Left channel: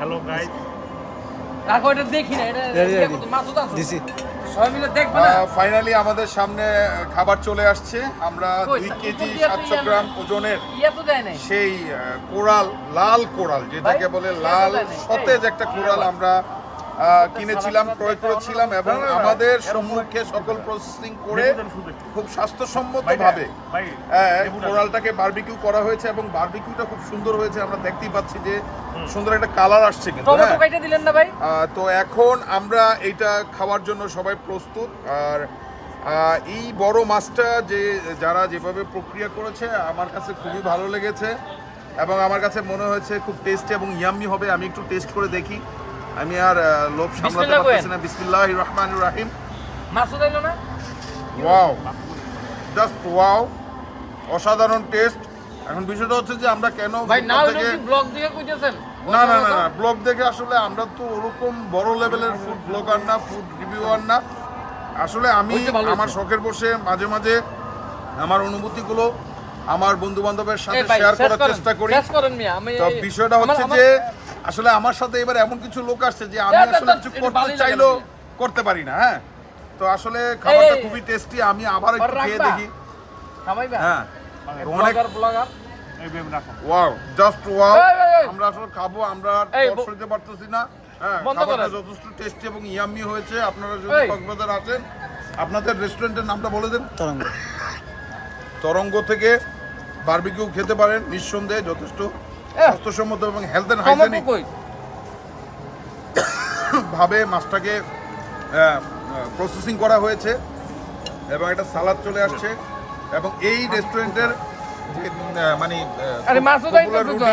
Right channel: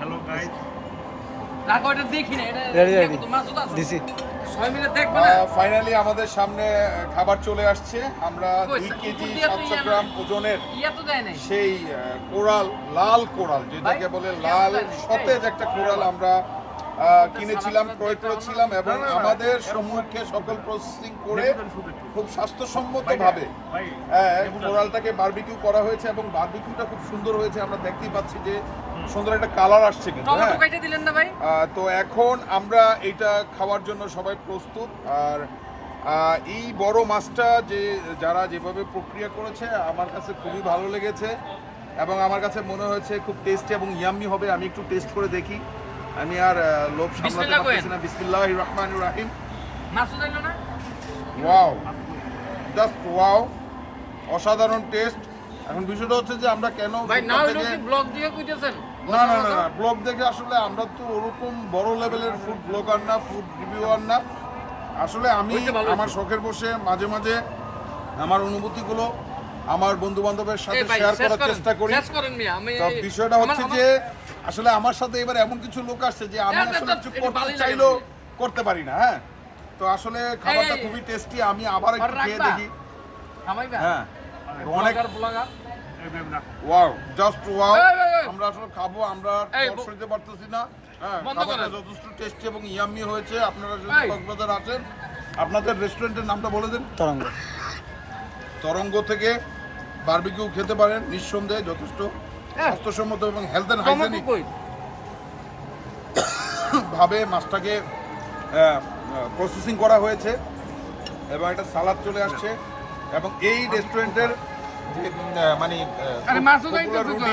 Hello guys, তারপরটা দেখি না এটা মাসুদ আছে দিছি সবাই মিলে দেখবে না ফাইনালি আমাদের সামনে খাবার চলে আসছে। আমরা 2 কেজি 700 গ্রাম ওজনের ইয়া তো দেয় নাই সেই কোরাল, লাল কোরাল যেটাকে বলে লাল সতেজ একটা কোরাল আমরা কিনেছিলাম, ক্রয় করেছিলাম এবং আমাদের সম্মুখে সকল প্রসেসিং করে খুব স্বাস্থ্যসম্মতভাবে কোরালটাকে বারবিকিউ করা হয়েছে এবং বারবিকিউটা খুব সুন্দর হয়েছে। আমরা দেখতেই পাচ্ছি যে সুন্দর একটা কালার আসছে কিন্তু। টমেটো কাইটা দিলেন না ভাই? তো এখন আমরা এটা খাওয়ার জন্য সবাই প্রস্তুত। আর এই বড় মাছটা যে যারা যেভাবে প্রক্রিয়া করেছে আমার কাছে খুবই ভালো লেগেছে এবং আমার কাছে মনে হয়েছে খুব টেস্টি এবং ইয়াম্মি হবে। আমি একটু টেস্ট করে দেখি, আমি আর লোভ সামলাতে পারতেছি না। বিসমিল্লাহির রহমানির রহিম। মাসুদ আইলো না? ওয়াও, জাস্ট ওয়াও, অসাধারণ টেস্ট। এখন বিষয়টা হচ্ছে যে আমরা কেন ভাই না থেকে ব্লগ দিয়ে কইতেছেন? না না না না ব্লগ দেখে আসলে আমরা তো ওরকম বড় লেভেলের ফুড ব্লগার না, ফুড রিভিউয়ার না। আসলে আমি আমার শখের বসে মাঝে মাঝে আমার অনুভূতিগুলো আমার বন্ধু বান্ধবের সাথে শেয়ার করার চেষ্টা করি। তো বিষয়টা হচ্ছে যে আসলে আমার সাথে এবার এমন কিছু লোক আসছে যে আমি আসলে কিছু করতে চাইলেও করতে পারি না। হ্যাঁ, তো আসলে খাবারটা খুবই টেস্টি। আমি আবার একটু খেয়ে দেখি। হ্যাঁ, অনেক ব্লগার ওয়াও, জাস্ট ওয়াও। আমরা আসলে খাবো, আমরা সরিতে পারতেছি না। হ্যাঁ, খাবারটা যথেষ্ট টেস্টি এবং ইয়াম্মি হয়েছে। আপনারা যদি কক্সবাজার আসেন, আপনাদের রেস্টুরেন্টের নামটা বলে দেন। তরঙ্গ। তরঙ্গ থেকে বারবিকিউ খেতে পারেন, নিঃসন্দেহে যথেষ্ট স্বাস্থ্যসম্মত এবং হেলথ অ্যান্ড হাইজেনিক ভাবে মাছটাকে প্রসেসিং করা হয়েছে এবং একটা সালাদ চলে আসছে এবং এই রেস্টুরেন্টের যে মানে পপুলার রুটি,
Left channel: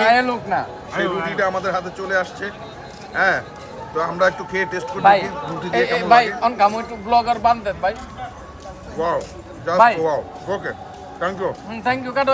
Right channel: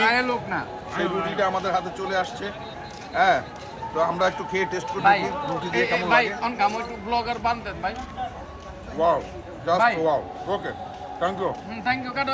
সেই রুটিটা আমাদের হাতে চলে আসছে। হ্যাঁ, তো আমরা একটু খেয়ে টেস্ট করে দেখি রুটি দিয়ে কেমন লাগে। ব্লগার বানতেন ভাই। Wow, just wow. Okay, thank you. Thank you কাটো